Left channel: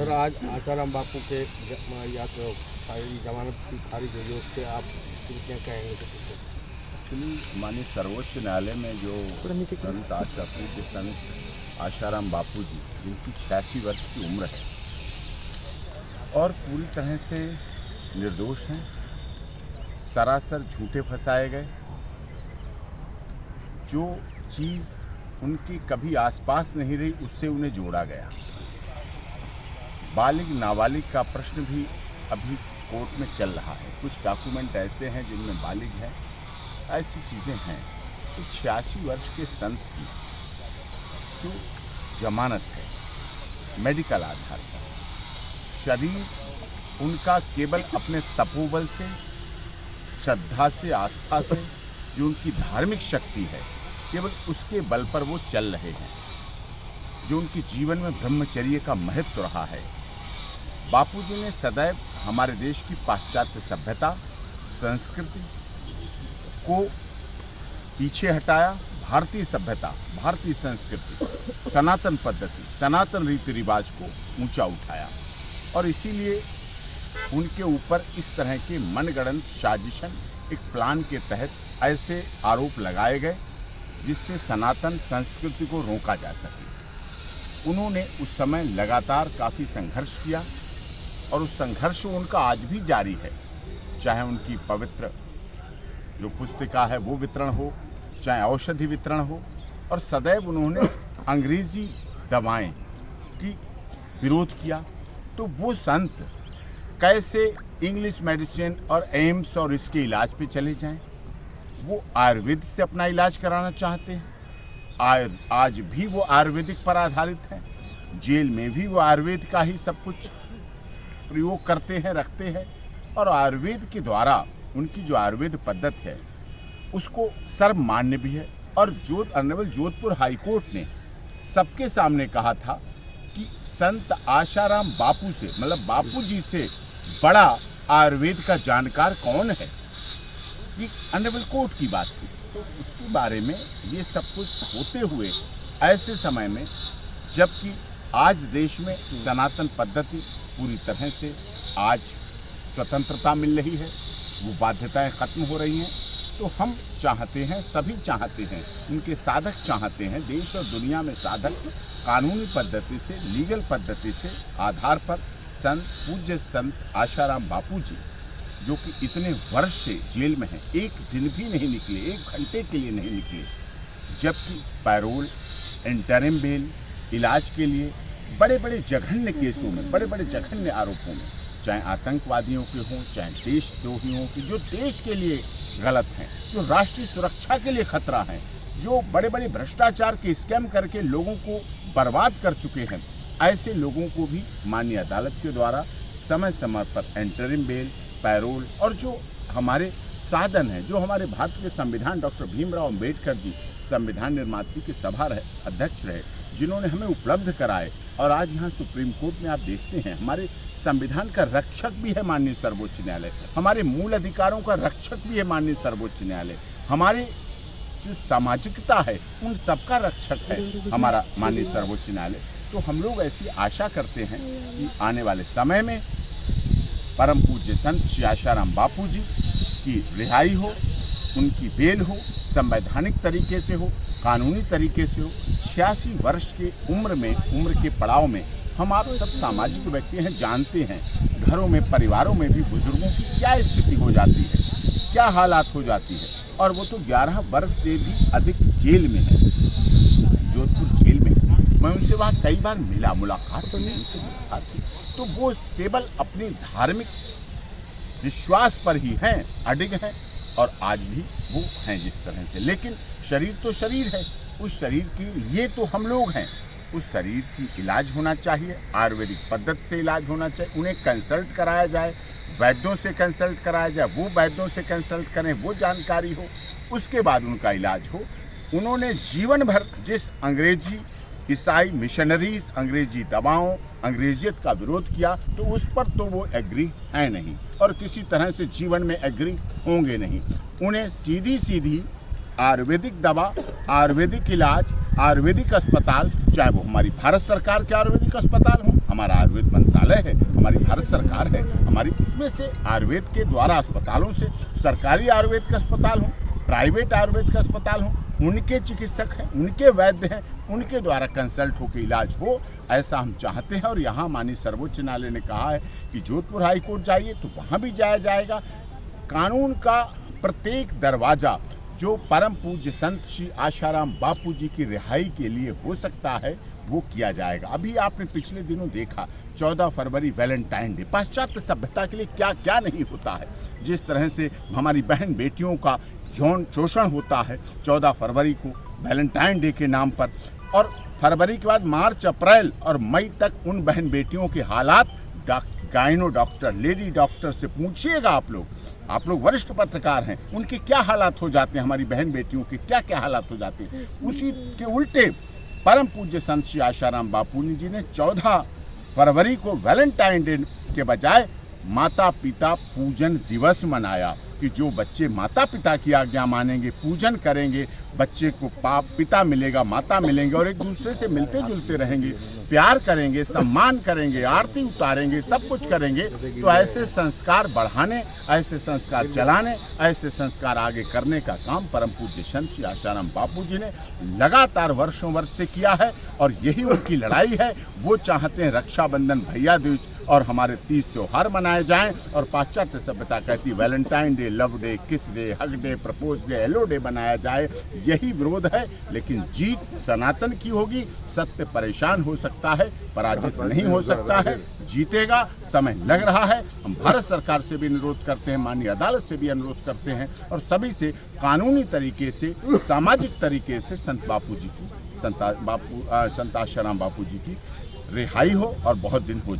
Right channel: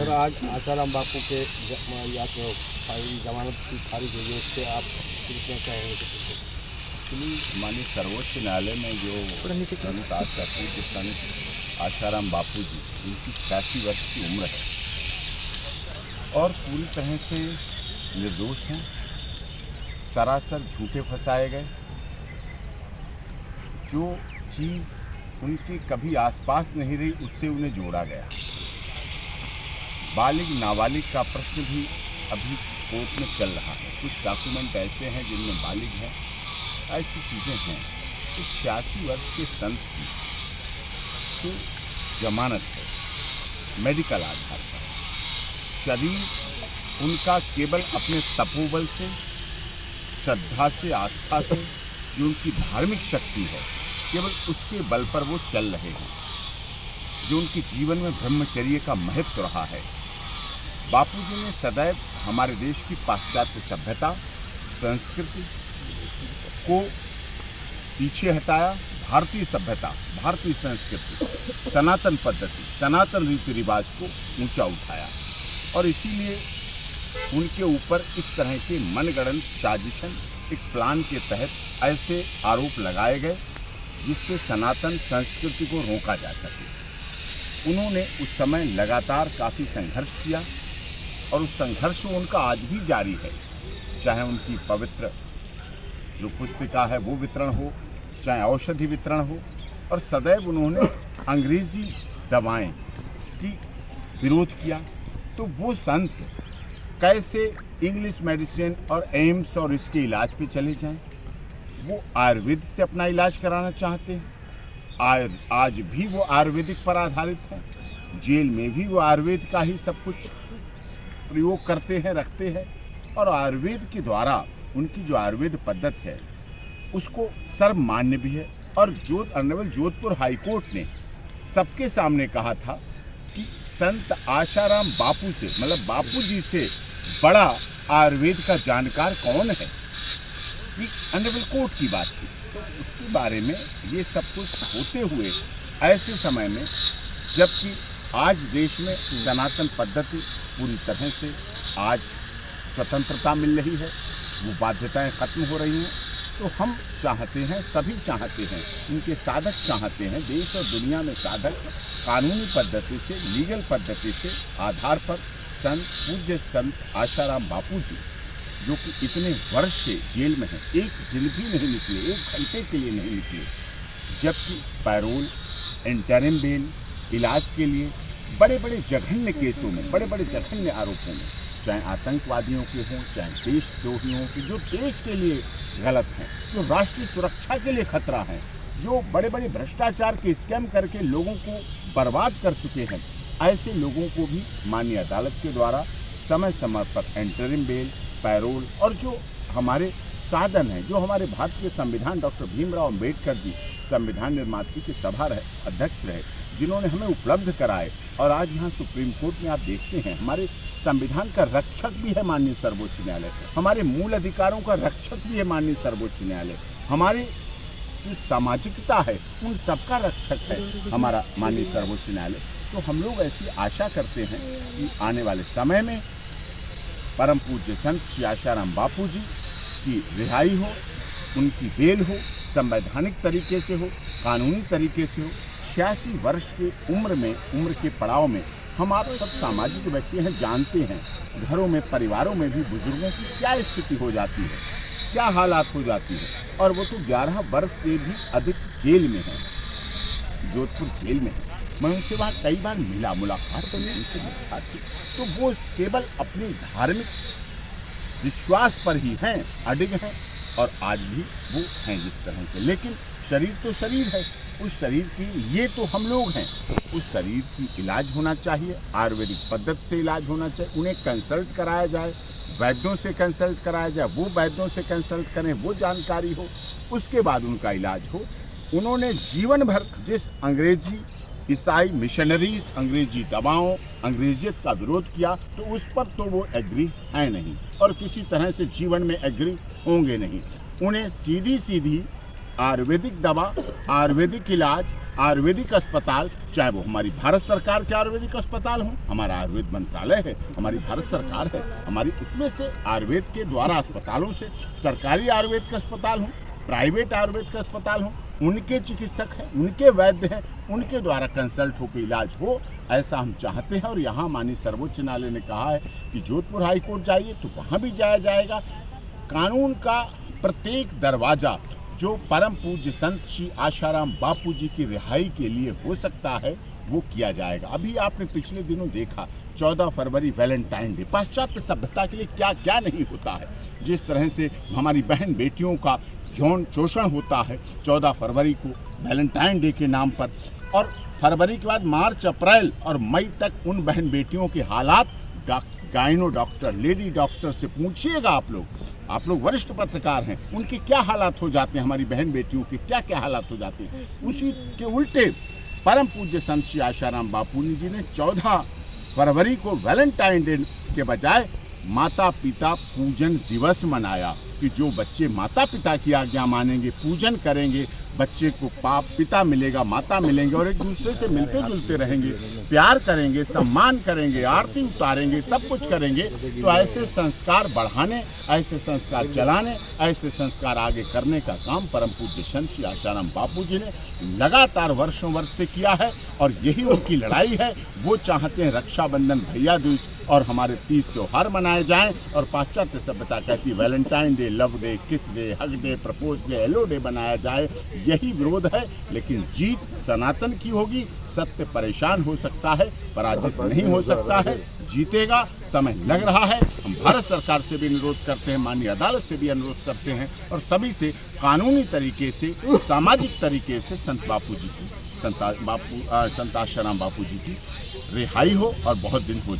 Sir आज आसाराम बापू के या तो जमानत की खारिज हुई है, उससे आप क्या कहेंगे? एक्चुअली माननीय सर्वोच्च न्यायालय में जो संत आज का पूज्य संत आसाराम बापू जी, जिनकी 86 वर्ष की उम्र है और पूरी तरह से निर्दोष हैं, सरासर झूठे फंसाए गए। जो चीज़ उनके कभी आसपास नहीं रही, उससे उन्हें जोड़ा गया। बालिग नाबालिग का प्रश्न भी अभी कोर्ट में चल रहा है। कुछ डॉक्यूमेंट ऐसे हैं जिनमें बालिग हैं, ऐसी चीज़ें हैं। तो 86 वर्ष के संत की जो जमानत है मेडिकल आधार पर, शरीर उनका केवल अपने तपोबल से, श्रद्धा से, आस्था से, जो उनकी धार्मिक शक्ति है, केवल उसके बल पर वो चल रहे हैं। जो उनके जीवन में ब्रह्मचर्य का महत्व रहा है। बापूजी ने सदैव हमारे देश की पाश्चात्य सभ्यता, संस्कृति को पीछे हटाया। भारतीय सभ्यता, भारतीय संस्कृति, सनातन पद्धति, सनातन रीति रिवाज को ऊंचा उठाया और इसीलिए उनके ऊपर इस तरह के मनगढ़ंत साजिशन, एक प्लान के तहत ऐसे आरोप लगाए गए जिससे सनातन संस्कृति को रोका जा सके। उन्होंने उस समय लगातार काफ़ी संघर्ष किया और उस संघर्ष उनका आज भी जारी है। चाहे उनकी पवित्र जो पुस्तिका है वो वितरण हो, चाहे औषधि वितरण हो, और सदैव उन्होंने अंग्रेजी दवाएं की विरोध किया। तो वो संत कैसे इंग्लिश मेडिसिन और एम्स और इसके इलाज पे चले जाएं? वो आयुर्वेद से अपना इलाज कराना चाहते हैं। आज भी वो आयुर्वेदिक पर आधारित हैं। जेल में भी वो आयुर्वेद का ही सब कुछ प्रयोग करते हैं, रखते हैं, और आयुर्वेद के द्वारा उनकी जो आयुर्वेद पद्धति है उसको सर्वमान्य भी है। और ऑनरेबल जोधपुर हाईकोर्ट ने सबके सामने कहा था कि संत आसाराम बापू से, मतलब बापू जी से बड़ा आयुर्वेद का जानकार कौन है, ये ऑनरेबल कोर्ट की बात थी। तो उसके बारे में ये सब कुछ होते हुए ऐसे समय में, जबकि आज देश में सनातन पद्धति पूरी तरह से आज स्वतंत्रता मिल रही है, वो बाध्यताएं खत्म हो रही हैं, तो हम चाहते हैं, सभी चाहते हैं, इनके साधक चाहते हैं, देश और दुनिया में साधक कानूनी पद्धति से, लीगल पद्धति से आधार पर संत पूज्य संत आसाराम बापू जी, जो कि इतने वर्ष से जेल में हैं, एक दिन भी नहीं निकले, एक घंटे के लिए नहीं निकले, जबकि पैरोल, इंटरिम बेल, इलाज के लिए बड़े बड़े जघन्य केसों में, बड़े बड़े जघन्य आरोपों में, चाहे आतंकवादियों के हों, चाहे देशद्रोहियों के, जो देश के लिए गलत हैं, जो राष्ट्रीय सुरक्षा के लिए खतरा हैं, जो बड़े बड़े भ्रष्टाचार के स्कैम करके लोगों को बर्बाद कर चुके हैं, ऐसे लोगों को भी माननीय अदालत के द्वारा समय समय पर इंटरिम बेल, पैरोल, और जो हमारे साधन हैं, जो हमारे भारत के संविधान डॉक्टर भीमराव अंबेडकर जी संविधान निर्माता के सभा अध्यक्ष रहे, जिन्होंने हमें उपलब्ध कराए, और आज यहाँ सुप्रीम कोर्ट में आप देखते हैं हमारे संविधान का रक्षक भी है माननीय सर्वोच्च न्यायालय, हमारे मूल अधिकारों का रक्षक भी है माननीय सर्वोच्च न्यायालय, हमारे जो सामाजिकता है उन सबका रक्षक है हमारा माननीय सर्वोच्च न्यायालय। तो हम लोग ऐसी आशा करते हैं कि आने वाले समय में परम पूज्य संत श्री आसाराम बापू जी की रिहाई हो, उनकी बेल हो, संवैधानिक तरीके से हो, कानूनी तरीके से हो। 86 वर्ष के उम्र के पड़ाव में हम आप सब सामाजिक व्यक्ति हैं, जानते हैं घरों में, परिवारों में भी बुजुर्गों की क्या स्थिति हो जाती है, क्या हालात हो जाती है, और वो तो 11 वर्ष से भी अधिक जेल में है, जोधपुर जेल में। मैं उनसे वहाँ कई बार मिला, मुलाकात तो नहीं उनसे मुलाकात की, तो वो केवल अपने धार्मिक विश्वास पर ही हैं, अडिग हैं, और आज भी वो हैं जिस तरह से। लेकिन शरीर तो शरीर है, उस शरीर की, ये तो हम लोग हैं, उस शरीर की इलाज होना चाहिए, आयुर्वेदिक पद्धति से इलाज होना चाहिए, उन्हें कंसल्ट कराया जाए, वैद्यों से कंसल्ट कराया जाए, वो वैद्यों से कंसल्ट करें, वो जानकारी हो, उसके बाद उनका इलाज हो। उन्होंने जीवन भर जिस अंग्रेजी, ईसाई मिशनरीज, अंग्रेजी दवाओं, अंग्रेजियत का विरोध किया, तो उस पर तो वो एग्री है नहीं, और किसी तरह से जीवन में एग्री होंगे नहीं। उन्हें सीधी सीधी आयुर्वेदिक दवा, आयुर्वेदिक इलाज, आयुर्वेदिक अस्पताल, चाहे वो हमारी भारत सरकार के आयुर्वेदिक अस्पताल हों, हमारा आयुर्वेद मंत्रालय है, हमारी भारत सरकार है, हमारी उसमें से आयुर्वेद के द्वारा अस्पतालों से सरकारी आयुर्वेद के अस्पताल हों, प्राइवेट आयुर्वेद के अस्पताल हों, उनके चिकित्सक हैं, उनके वैद्य हैं, उनके द्वारा कंसल्ट होकर इलाज हो, ऐसा हम चाहते हैं। और यहाँ माननीय सर्वोच्च न्यायालय ने कहा है कि जोधपुर हाई कोर्ट जाइए तो वहाँ भी जाया जाएगा। कानून का प्रत्येक दरवाज़ा जो परम पूज्य संत श्री आशाराम बापू जी की रिहाई के लिए हो सकता है वो किया जाएगा। अभी आपने पिछले दिनों देखा 14 फरवरी वैलेंटाइन डे, पाश्चात्य सभ्यता के लिए क्या क्या नहीं होता है। जिस तरह से हमारी बहन बेटियों का यौन शोषण होता है 14 फरवरी को वैलेंटाइन डे के नाम पर, और फरवरी के बाद मार्च, अप्रैल और मई तक उन बहन बेटियों के हालात गाइनो डॉक्टर, लेडी डॉक्टर से पूछिएगा। आप लोग वरिष्ठ पत्रकार हैं, उनके क्या हालात हो जाते हैं, हमारी बहन बेटियों के क्या क्या हालात हो जाते हैं। उसी के उल्टे परम पूज्य संत श्री आशाराम बापू जी ने 14 फरवरी को वैलेंटाइन डे के बजाय माता पिता पूजन दिवस मनाया कि जो बच्चे माता पिता की आज्ञा मानेंगे, पूजन करेंगे, बच्चे को पिता मिलेगा, माता मिलेंगे और एक दूसरे से मिलते जुलते रहेंगे, प्यार करेंगे, सम्मान करेंगे, आरती उतारेंगे, सब कुछ करेंगे, तो ऐसे संस्कार बढ़ाने, ऐसे संस्कार चलाने, ऐसे संस्कार आगे करने का काम परम पूज्य संत श्री आशाराम बापू जी ने लगातार वर्षों वर्ष से किया है। और यही उनकी लड़ाई है। वो चाहते हैं रक्षाबंधन, भैया दूज और हमारे 30 त्योहार मनाए जाएं, और पाश्चात्य सभ्यता कहती वैलेंटाइन डे, लव डे, किस day, hug day, propose day, hello day बनाया जाए। यही विरोध है, लेकिन जीत सनातन की होगी। सत्य परेशान हो सकता है, पराजित नहीं हो सकता है, जीतेगा। समय लग रहा है। हम भारत सरकार से भी अनुरोध करते हैं, माननीय अदालत से भी अनुरोध करते हैं, और सभी से कानूनी तरीके से, सामाजिक तरीके से संत बापू जी की, संत आशाराम बापू जी की रिहाई हो और बहुत दिन हो